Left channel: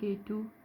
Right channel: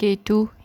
K2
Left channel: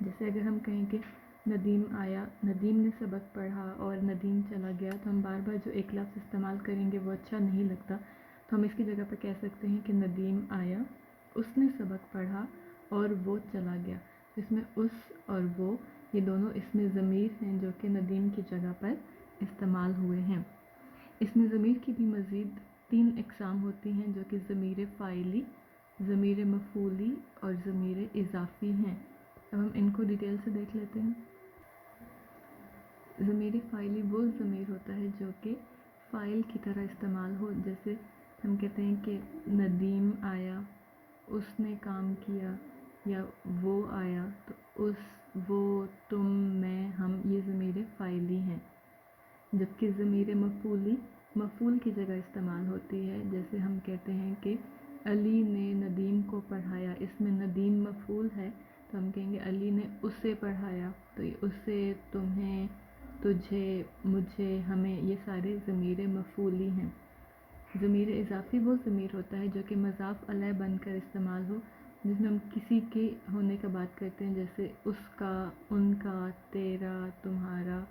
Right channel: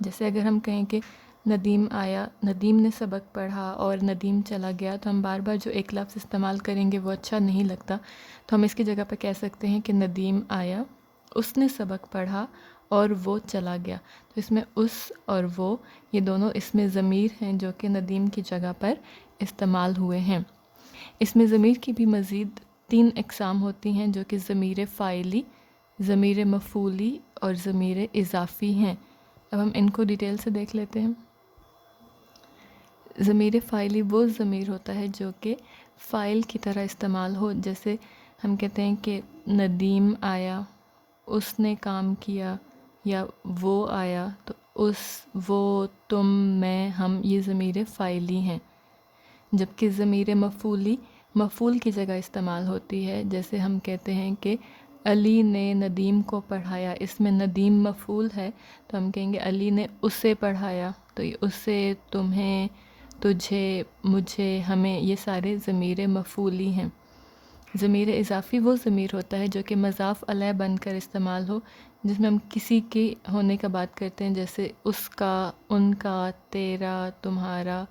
جیسے اگر ہم کہیں کہ ندیم آیا، ندیم نے سبق پڑھا اور ندیم چلا گیا، تو ہم بار بار جو ایک لفظ استعمال کریں گے وہ اچھا نہیں لگتا، تو ہم اس کی جگہ پہ کہہ سکتے ہیں کہ ندیم آیا، اس نے سبق پڑھا اور وہ چلا گیا۔ تو اس میں اس اور وہ یہ دونوں اس میں ضمیر ہیں جو کہ ندیم کی جگہ پر استعمال ہوئے ہیں۔ اس میں ضمیر کی بھی مزید 3 اقسام ہوتی ہیں جو کہ ضمیر فاعلی، ضمیر مفعولی اور ضمیر اضافی ہیں۔ اب ہم ان کو ڈیٹیل سے دیکھ لیتے ہیں۔ ضمیر فاعلی وہ ضمیر ہوتا ہے جو کہ فاعل کی طرح استعمال ہو، جیسے ہم کہتے ہیں کہ ندیم آیا، اس نے کام کیا، یا وہ آیا، تو اس، وہ، تم، میں، ہم، یہ ضمیر فاعلی ہیں۔ جبکہ ضمیر مفعولی مفعول کی جگہ استعمال ہوتی ہے، جیسے ہم کہتے ہیں کہ علی نے ندیم کو پڑھایا، اس میں ندیم مفعول ہے تو ہم کہیں گے علی نے اسے پڑھایا، تو یہ اسے، تمہیں، تجھے، مجھے، ہمیں، یہ سارے ضمیر مفعولی ہیں۔ ضمیر اضافی وہ ضمیر ہوتا ہے جو کہ مضاف الیہ بن کر استعمال ہو، جس میں ہم کسی کے ہونے کا بات کرتے ہیں، جیسے اس کا، ان کا، تیرا، تمہارا،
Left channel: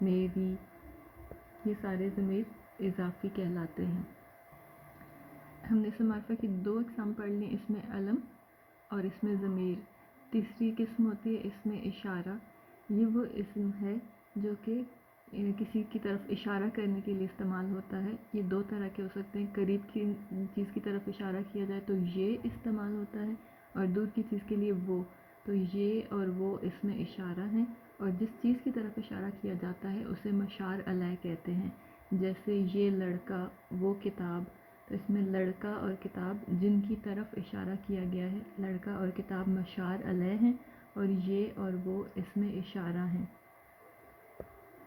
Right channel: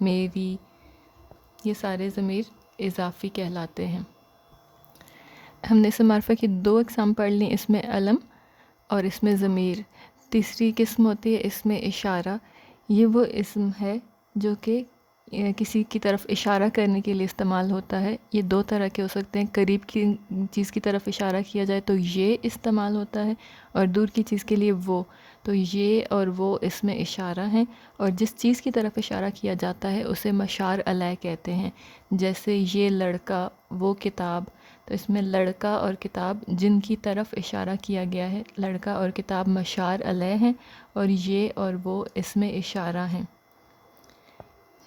میری، یہ سارے ضمیر اضافی کہلاتے ہیں۔ ہم نے اسم معرفہ کی 2 اقسام پڑھ لیں، اس میں علم اور اس میں ضمیر۔ تیسری قسم ہوتی ہے اسم اشارہ، یہ وہ اسم ہے جو کہ کسی کی طرف اشارہ کرنے کے لیے استعمال ہوتا ہے۔ یہ 2 طرح کے ہو سکتے ہیں، قریب کی چیز کی طرف اشارہ کیا جائے تو یہ استعمال ہوتا ہے، اور دور کی چیز کے لیے وہ، تو یہ اور وہ اسم اشارہ ہیں، اور جس چیز کی طرف اشارہ کیا جاتا ہے اسے مشار علیہ کہتے ہیں، جیسے یہ لڑکا، وہ کتاب، تو اس میں لڑکا اور کتاب جن کی طرف اشارہ کیا گیا ہے، لڑکا اور کتاب مشار علیہ ہیں، اور یہ اور وہ اسم اشارہ ہیں۔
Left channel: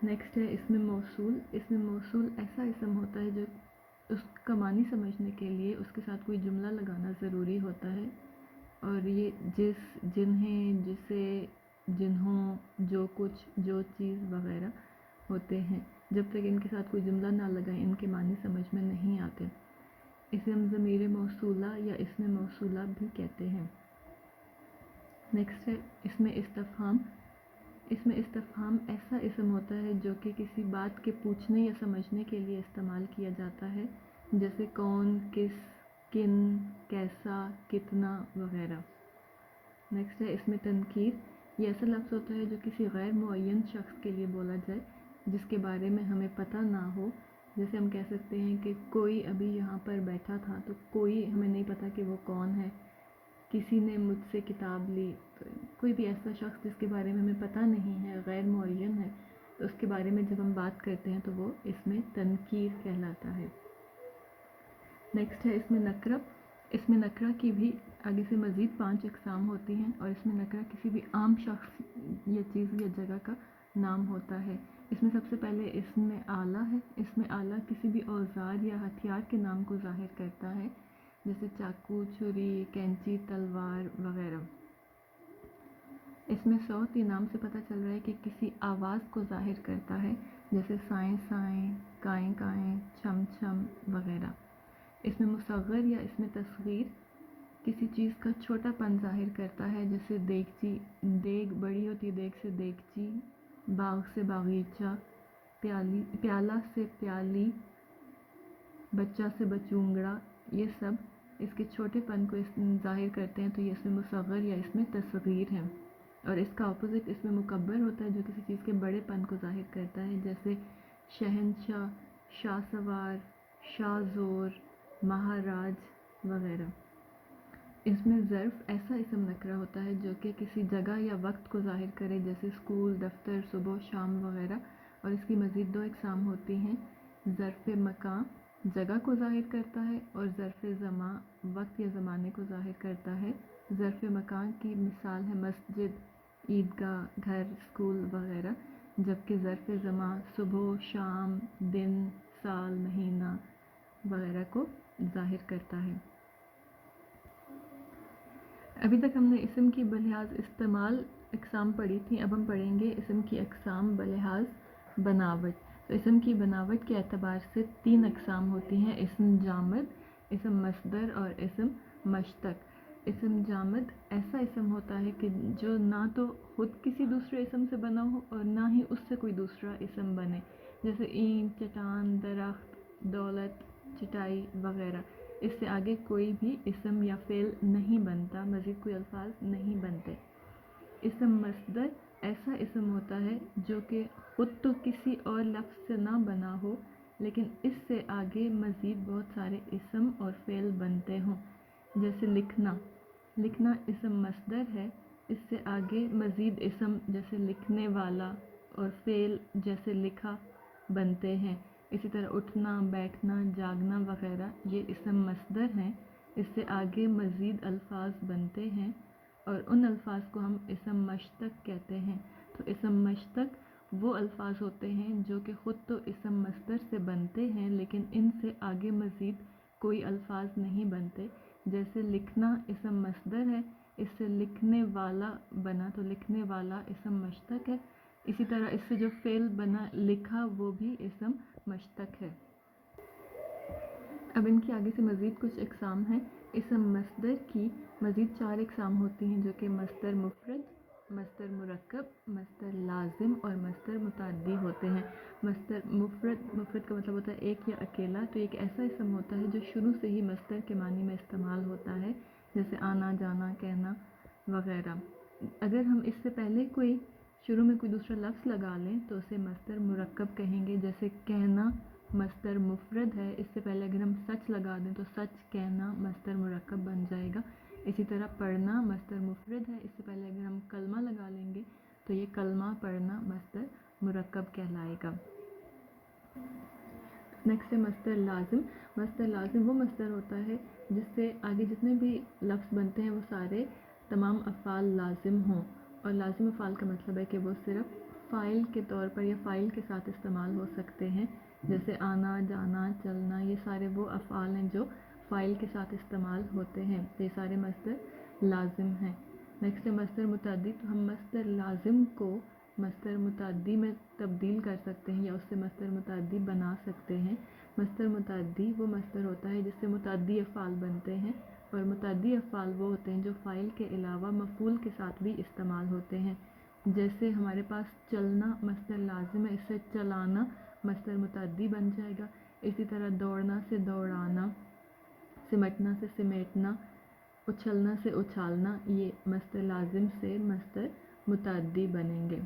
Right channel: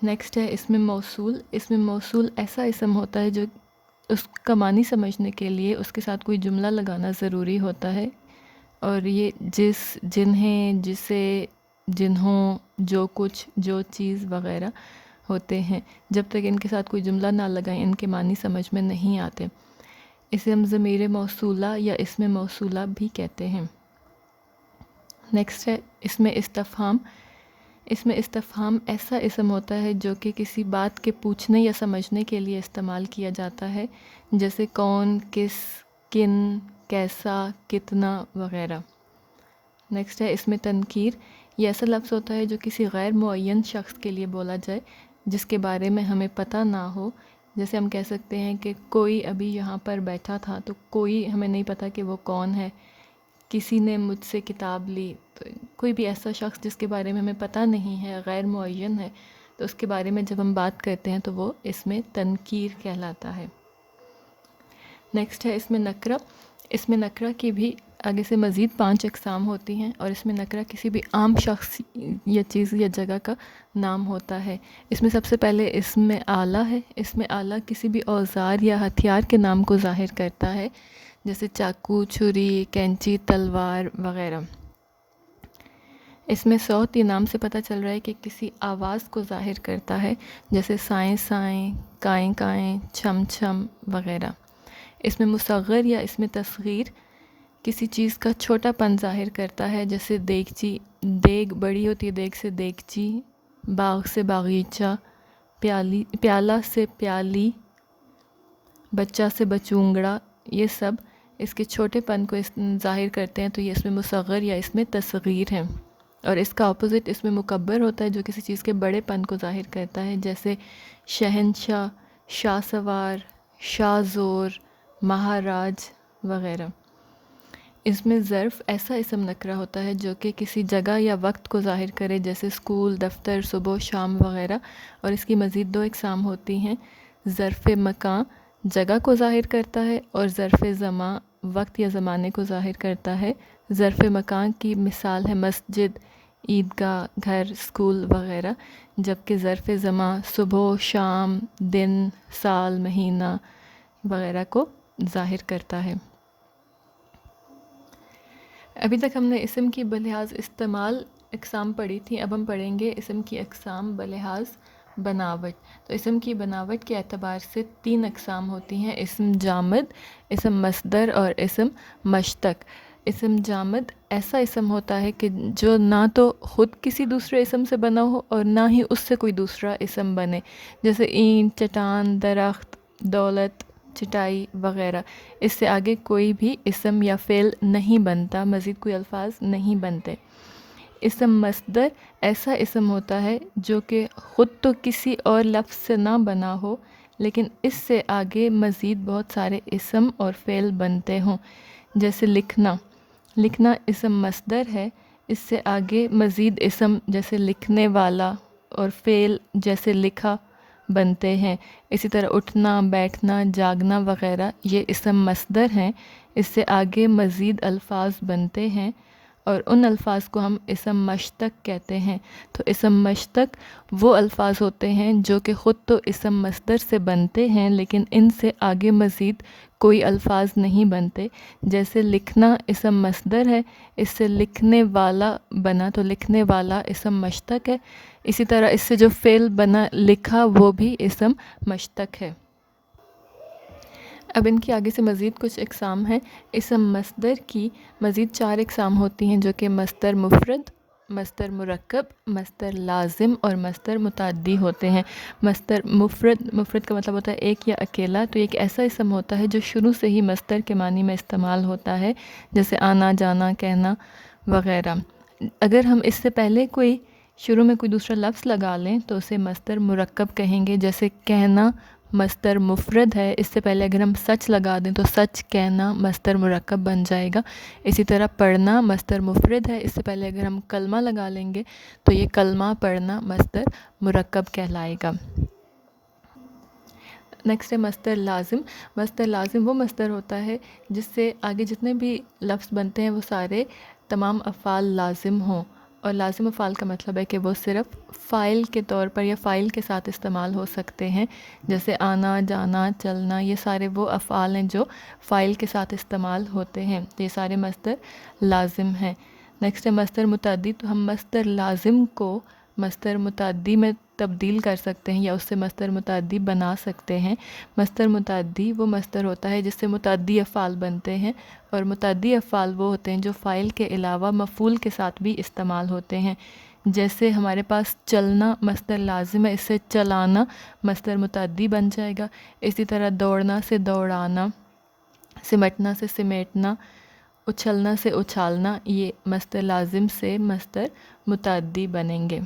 نیکسٹ ہے اسم موصول۔ اسم موصول ایسا اسم ہوتا ہے جو اس کا معنی سمجھنے کے لیے اس کے ساتھ کوئی جملہ لگانا ضروری ہوتا ہے، اور یہ جس، جنہیں، جسے، جنہوں، جو کچھ، جو چیز وغیرہ ہوتے ہیں، جب تک ان کے ساتھ کوئی جملہ نہ لگائیں ان کے معنی سمجھ میں نہیں آتے۔ اسے ہم ضمیر موصولہ یا اسم موصولہ بھی کہتے ہیں۔ نیکسٹ ہے اسم استفہام۔ اسم استفہام ایسا اسم ہوتا ہے جو کہ کسی بات کے پوچھنے یا سمجھنے کے لیے استعمال کیا جاتا ہے، جیسے کون، کس، کن، کیسا، کتنا وغیرہ۔ نیکسٹ ہے اسم تنکیر۔ یہ ایسا لفظ ہوتا ہے جو کسی غیر معین شخص کے لیے بولا جائے جس کے بارے میں ہمیں پتہ نہ ہو، جیسے ہم کہہ سکتے ہیں کہ کوئی ابھی یہاں پر بیٹھا تھا، تو کوئی ہمیں نہیں پتہ کہ وہ کون ہے۔ کسی نے مجھ سے کتاب لی، تو کوئی بھی ایسا شخص جس کے بارے میں ہمیں پتہ نہیں ہے، غیر معین ہے، تو اس کے بارے میں جب ہم بات کرتے ہیں تو وہ اسم تنکیر کہلاتا ہے۔ نیکسٹ ہے اسم نکرہ۔ اسم نکرہ کی بھی آگے سے مزید 5 اقسام ہوتی ہیں، اور اسم نکرہ کسی بھی عام شخص یا چیز یا جگہ کا نام ہوتا ہے۔ اس میں سب سے پہلے اسم آلہ ہے۔ اسم آلہ کسی بھی اوزار یا ہتھیار کے نام کو ظاہر کرتا ہے، جیسے چاقو، چھری، کینچی، تلوار وغیرہ۔ اس میں صوت، یہ نام سے پتہ چل رہا ہے کہ کسی آواز کو ظاہر کرتا ہے، جیسے سائیں سائیں، کائیں کائیں، چھم چھم وغیرہ۔ اس میں مصغر یا اس میں تصغیر کسی چیز کا چھوٹا پن ظاہر کرتا ہے، جیسے دیگچی، دیگ بڑی ہوتی ہے دیگ سے دیگچی، باغ سے باغیچہ، پیالہ سے پیالی، بچہ سے بچونگڑا، یہ سب اس کے چھوٹے پن کو ظاہر کرتے ہیں، تو یہ اس میں مصغر یا اس میں تصغیر ہیں۔ اور اس کا اپوزٹ اس میں مکبر ہوتا ہے جو کسی چیز کے بڑے پن کو ظاہر کرتا ہے، جیسے شہنشاہ، شاہ سوار، شاہ زور، مہاراج وغیرہ۔ اس میں ظرف ایسا اسم نکرہ ہوتا ہے جو کہ کسی جگہ یا وقت کو ظاہر کرے، جیسے اسکول، دفتر، صبح، شام وغیرہ، اور اس کی مزید 2 اقسام ہوتی ہیں، ظرف مکان جگہ کو ظاہر کرتا ہے، اور ظرف زمان وقت یا زمانے کو ظاہر کرتا ہے۔ ظرف مکان کی مثال ہے مسجد، عیدگاہ، گھر، اسکول وغیرہ، جبکہ ظرف زمان صبح، شام، دن، سال، مہینہ وغیرہ کو ظاہر کرتا ہے۔ ابھی تک ہم نے اسم کی بلحاظ استعمال اقسام پڑھی تھی، اب ہم پڑھیں گے اسم کی اقسام بلحاظ بناوٹ۔ تو اسم کی بناوٹ کے اعتبار سے 3 اقسام ہوتی ہیں، اسم جامد، اسم مصدر اور اسم مشتق۔ اسم جامد ایسا اسم ہوتا ہے کہ جو نہ تو خود کسی دوسرے اسم سے بنا ہو اور نہ ہی اس سے کوئی دوسرا اسم بنے، جیسے اینٹ، چٹان، درخت، دولت، چٹائی وغیرہ۔ اس سے آگے کوئی بھی اسم یا فعل نہیں بنتا، مزید کوئی الفاظ نہیں بنتے۔ اسم مصدر ایسا اسم ہوتا ہے جو کہ خود تو کسی اور لفظ سے نہ بنا ہو لیکن اس سے آگے مزید بہت سارے اسم اور فعل بنتے ہوں، جیسے لکھنا۔ لکھنا اسم مصدر ہے، اس سے آگے مزید اسم جیسے لکھنے والا اور فعل جیسے لکھا بنتے ہیں۔ اسی طرح اٹھنا، بیٹھنا، جاگنا وغیرہ یہ اسم مصدر ہیں، اس سے آگے مزید الفاظ بنتے ہیں اور ان الفاظ کو ہم اسم مشتق کہتے ہیں۔ تو اسم مشتق وہ الفاظ ہوتے ہیں جو کہ خود تو اسم مصدر سے بنتے ہیں لیکن ان سے آگے مزید کوئی الفاظ نہیں بنتے، جیسے لکھنا اسم مصدر ہے، اس سے لکھنے والا بنا تو لکھنے والا اسم مشتق ہے۔ اسی طرح اس سے جو فعل بنا لکھا وہ بھی اسم مشتق ہے۔ اب ان کی آگے سے مزید کچھ اقسام ہیں۔ اسم مصدر کی مزید 4 اقسام ہوتی ہیں جو کہ مصدر مفرد، مصدر مرکب، مصدر لازم اور مصدر متعدی ہوتے ہیں۔ مصدر مفرد کا مطلب ہوتا ہے ایک یا اکیلا، تو یہ ایک ایسا اسم ہوتا ہے جو شروع سے ہی مصدر کے معنی میں استعمال ہوتا ہے، جیسے آنا، جانا، کہنا وغیرہ۔ اگر ہم اس سے پہلے کوئی شروع میں کوئی دوسرا لفظ لگا لیں تو اسے مصدر مرکب کہیں گے، جیسے کہنا مصدر مفرد ہے، اس سے پہلے اگر ہم سچ لگا دیں تو سچ کہنا مصدر مرکب بن جائے گا۔ اسی طرح پڑھنا مصدر مفرد ہے، اس سے پہلے اگر ہم کلمہ لگا لیں گے تو یہ کلمہ پڑھنا مصدر مرکب کہلائے گا۔ نیکسٹ ہے مصدر لازم۔ مصدر لازم وہ مصدر ہوتا ہے جس سے آگے جتنے بھی لفظ بنتے ہیں وہ سارے تمام افعال لازم ہوں، اور لازم افعال کا مطلب ہے کہ وہ صرف فاعل کے طور پر یا فاعل کے ساتھ استعمال ہو سکتے ہیں، جیسے آنا، جانا، چلنا، یہ سارے وہ افعال ہیں جو فاعل کے ساتھ استعمال ہوتے ہیں، تو یہ سارے مصدر لازم ہیں۔ نیکسٹ ہے مصدر متعدی۔ تو ہم مصدر لازم کو مصدر متعدی میں تبدیل کر سکتے ہیں یا اس سے مصدر متعدی بنا سکتے ہیں۔ مصدر متعدی وہ مصدر ہوتا ہے جس سے متعدی افعال بنتے ہیں، اور متعدی افعال وہ ہوتے ہیں جو فاعل کے علاوہ مفعول کے ساتھ بھی استعمال ہوتے ہیں، جیسے ہمارے پاس چلنا مصدر لازم ہے، اس سے چلانا مصدر متعدی بن جائے گا۔ اسی طرح دوڑنا سے دوڑانا، سمٹنا سے سمیٹنا، اچھلنا سے اچھالنا، یہ مصدر لازم سے مصدر متعدی بنیں گے۔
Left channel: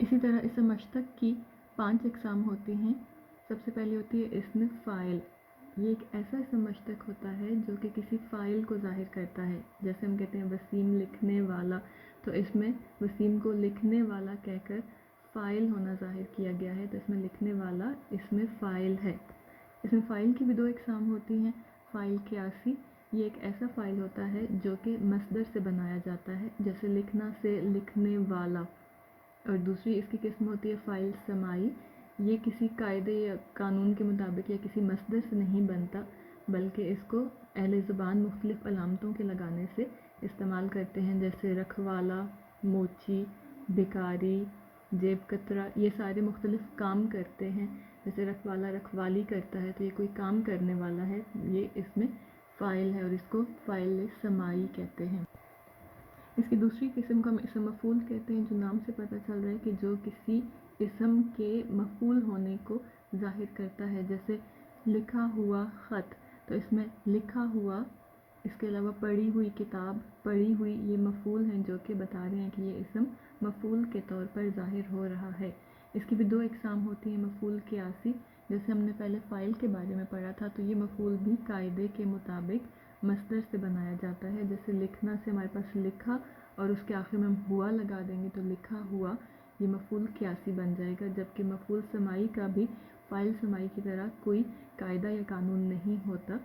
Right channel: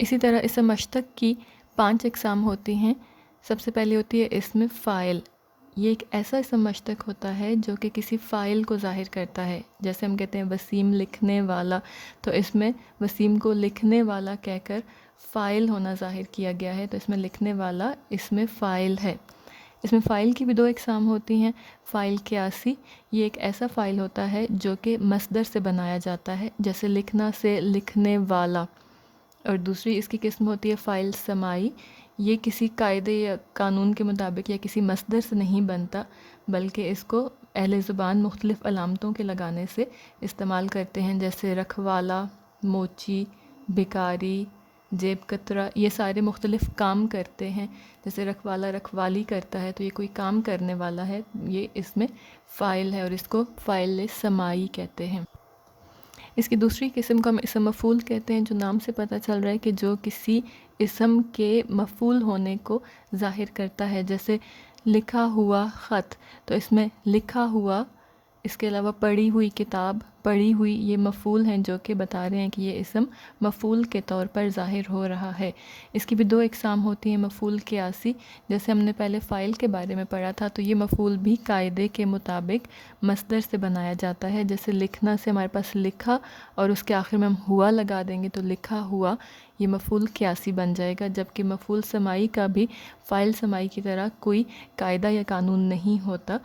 اسی طرح اسم مشتق کی 5 اقسام ہوتی ہیں۔ سب سے پہلی ہوتی ہے اسم فاعل۔ یہ ایک ایسا اسم مشتق ہوتا ہے جو کہ کسی فاعل کو ظاہر کرتا ہے، جیسے ہم کہتے ہیں وسیم لکھنے والا، تو اس میں وسیم کو لکھنے والا کہہ کر فاعل ہونا ظاہر کیا گیا ہے، تو اس میں لکھنے والا اسم فاعل ہے۔ اس میں فاعل کی بھی 2 اقسام ہوتی ہیں۔ فاعل قیاسی، یہ ایک ایسا فاعل ہوتا ہے جو کہ مصدر سے بنایا جاتا ہے، جیسے لکھنا سے لکھنے والا۔ اور دوسری اس کی قسم ہوتی ہے فاعل سماعی، یہ کسی قاعدے یا قانون کے مطابق یا کسی مصدر سے نہیں بنتا، بلکہ اس کو اہل زبان مختلف علامتوں کے لگانے سے استعمال کرتے ہیں، جیسے رکھوالا، موچی، بھکاری، جیب کترا، یہ سارے مختلف کام کرتے ہیں۔ جیسے رکھوالا رکھوالی کرتا ہے تو یہ کوئی کام کرنے والا ہے، یہ اس میں فاعل ہے اور اس کو فاعل سماعی کہتے ہیں۔ اس کی دوسری قسم کو ہم اسم مفعول کہتے ہیں، جو نام سے پتہ چل رہا ہے کہ جو کسی اسم کے مفعول ہونے کو ظاہر کرتا ہے، جیسے لکھا ہوا خط، تو اس میں لکھا ہوا، اس کے علاوہ پڑھی ہوئی کتاب، پڑھی ہوئی، یہ مفعول ہیں جو کہ بتا رہے ہیں کہ یہ اسم مفعول کے طور پر ظاہر ہو رہا ہے۔ اس کی بھی 2 اقسام ہوتی ہیں۔ مفعول قیاسی، جیسے ہم نے پہلے فاعل کے بارے میں پڑھا تھا، تو یہ مفعول بھی قاعدے کے مطابق مصدر سے بنایا جاتا ہے، جیسے لکھنا سے ہمارے پاس لکھا اور اس کے آخر میں ہم ہوا لگا دیں گے تو لکھا ہوا، یہ مفعول قیاسی بن جائے گا۔ جبکہ مفعول سماعی کا بھی فاعل سماعی کی طرح کوئی قاعدہ یا قانون نہیں ہوتا،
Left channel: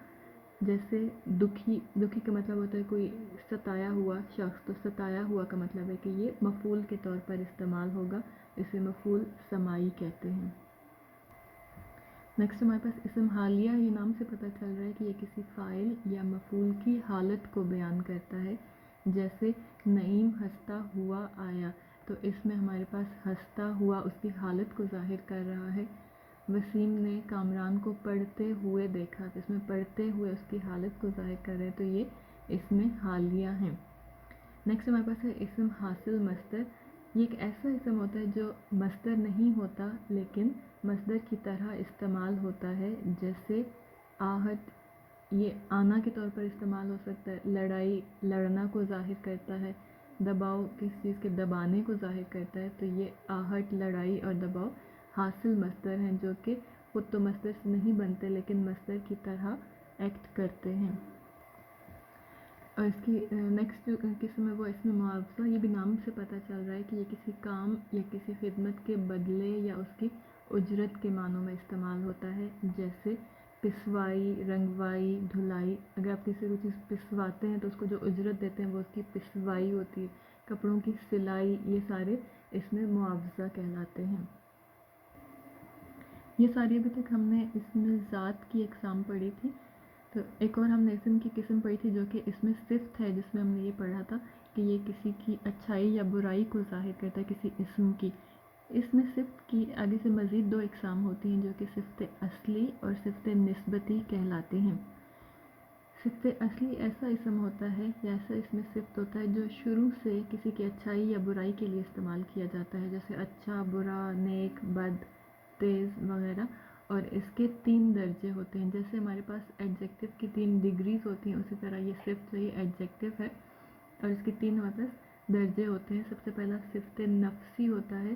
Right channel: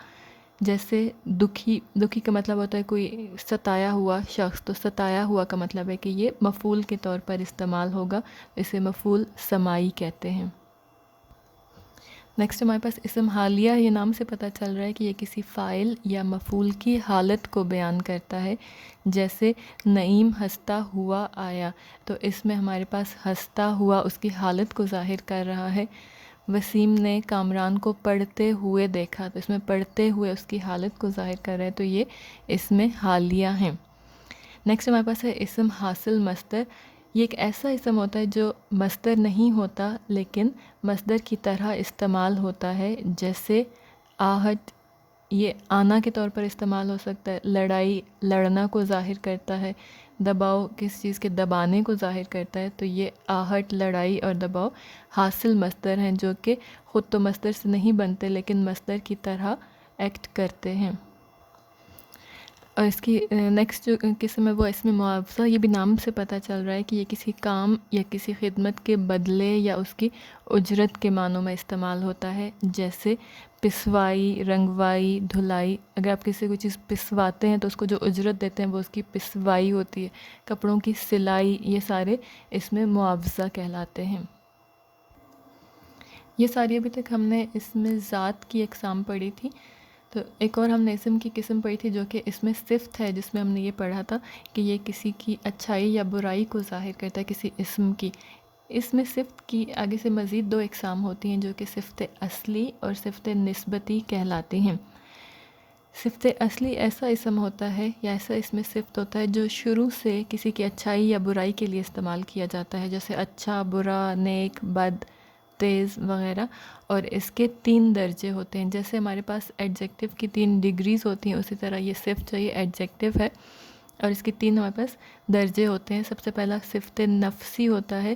جیسے دکھی، دکھی کا مطلب ہوتا ہے کوئی ستایا ہوا شخص، تو ستایا ہوا کا مطلب ہے کہ یہ مفعول کے طور پر استعمال ہوگا، اسے مفعول سماعی کہتے ہیں۔ نیکسٹ ہمارے پاس اسم حالیہ، یہ نام سے پتہ چل رہا ہے کہ یہ کسی فاعل یا مفعول کی حالت کو بیان کرتا ہے، جیسے نعیم ہنستا ہوا آیا، تو اس میں ہمارے پاس ہنستا ہوا اس کی حالت کو ظاہر کر رہا ہے۔ وسیم نے کامران کو پڑھتے ہوئے دیکھا، تو اس میں پڑھتے ہوئے اس کی حالت کو ظاہر کر رہا ہے، تو یہ اس میں حالیہ ہیں۔ نیکسٹ ہمارے پاس ہے اسم حاصل مصدر۔ یہ ایک ایسا اسم ہوتا ہے جو مصدر نہیں ہوتا لیکن مصدر کی طرح استعمال ہوتا ہے، جیسے آہٹ، یہ آنا کے طور پر استعمال ہو سکتا ہے، لڑائی لڑنا کو ظاہر کرتا ہے، دباؤ کس چیز کے دبانے کو ظاہر کرتا ہے، تو یہ آہٹ، لڑائی اور دباؤ حاصل مصدر ہیں جو کہ خود تو مصدر سے نہیں بنتے لیکن مصدر کی طرح ایکٹ کرتے ہیں۔ اور اس کی نیکسٹ جو قسم ہے وہ اسم معاوضہ۔ یہ بھی نام سے پتہ چل رہا ہے کہ یہ کسی کام یا کسی خدمت کے بدلے یا اس کی اجرت کے معنوں میں استعمال ہوتا ہے، جیسے پسوائی، رنگوائی، دھلائی۔ اگر آپ کسی کو چیز پسواتے ہیں تو اس کو جو اجرت دیتے ہیں وہ اس کی پسوائی ہوتی ہے۔ کپڑوں کی سلائی، یہ سارے اس میں معاوضہ کہلاتے ہیں۔ یہ ساری ابھی تک ہم نے اس میں ذات کی اقسام پڑھی تھی، تو ایک اور ہم نے اسم کی قسم پڑھی تھی جو کہ اس میں صفت ہے، جس میں ہم نے یہ پڑھا تھا کہ یہ کسی کی اچھائی یا برائی کو ظاہر کرتا ہے، کسی اسم کی۔ اس میں صفت کی آگے سے مزید 2 اقسام ہوتی ہیں جو کہ صفت اصلی اور صفت نسبتی کہلاتی ہیں۔ صفت اصلی ایسا اسم ہوتا ہے یا ایسا اس میں صفت ہوتا ہے جو شروع سے کسی کی اچھائی یا برائی کے لیے استعمال کیا جاتا ہے، جیسے اچھا، برا، نیک، بد، تیز وغیرہ، اور اس کے 3 درجے ہوتے ہیں۔ جیسے ہمارے پاس ایڈجیکٹو کی 3 ڈگریز ہوتی ہیں، اسی طرح یہ صفت جو یہ ایڈجیکٹو ہے اور اس کی 3 ہمارے پاس درجے ہوتے ہیں۔ سب سے پہلا صفت نفسی ہوتا ہے،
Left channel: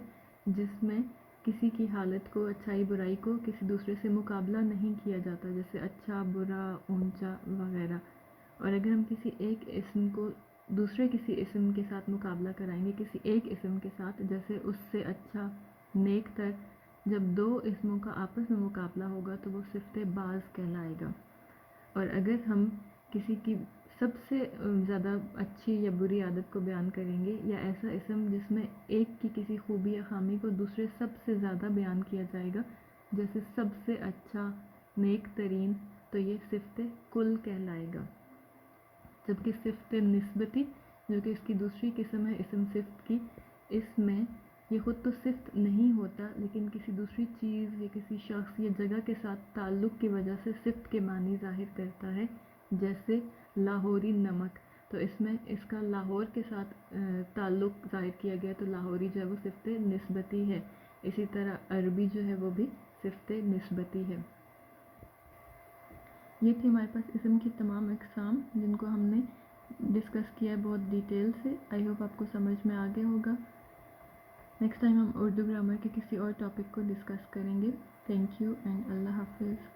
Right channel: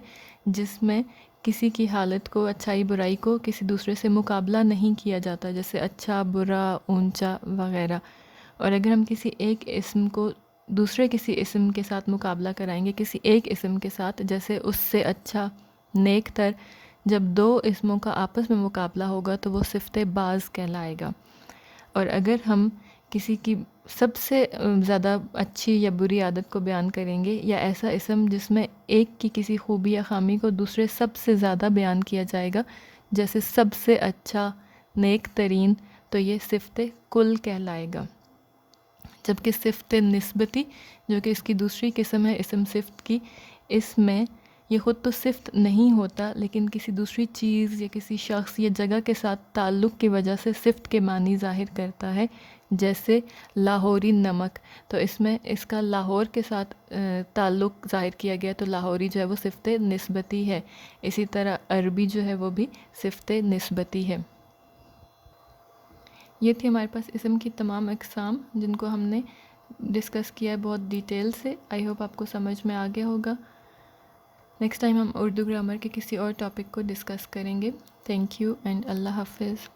جس میں کسی کی حالت کو، اچھائی برائی کو کسی دوسرے سے مقابلہ نہیں کیا جاتا، جیسے اچھا، برا، اونچا وغیرہ۔ اور اگر ہم کسی ایک اسم کو دوسرے کسی اسم کے ساتھ مقابلہ کرائیں گے، کسی ایک اسم کے ساتھ، جیسے اس سے اچھا، نیک تر، جب 2 اسموں کا آپس میں مقابلہ ہوگا تو وہ صفت بعض کہلائے گا۔ اور اگر ہم کسی کی سب سے زیادہ اچھی یا بری عادت کو بیان کریں گے، یا ایسا اسم جس میں ایک کی کسی خوبی یا خامی کو دوسرے سب سے زیادہ بیان کیا جائے گا، جیسے سب سے اچھا، نیک ترین، تو یہ صفت کل کہلائے گا۔ جبکہ صفت نسبتی جو کہ اس کی دوسری قسم ہے اسم صفت کی، اس میں یہ خود تو صفت نہیں ہوتا لیکن کسی دوسری چیز یا کسی شخص یا جگہ کے ساتھ تعلق کی وجہ سے صفت کے معنی ظاہر کرتا ہے، جیسے لاہوری نمک، تو اس میں اس کا لاہور کے ساتھ تعلق ظاہر کیا گیا تو لاہوری جو ہے وہ صفت نسبتی ہے۔ اسی طرح عربی جو ہے وہ بھی صفت نسبتی ہے۔ یہ تھی ہمارے پاس اسم کی تمام اقسام جن کو ہم نے ڈسکس کیا ہے بہت ڈیٹیل سے۔ آئی ہوپ آپ کو سمجھ میں آ گیا ہوگا۔ نیکسٹ ٹائم ہم اردو گرامر کے کسی اور ٹاپک کو ڈسکس کریں گے۔ تھینک یو اینڈ اللہ حافظ۔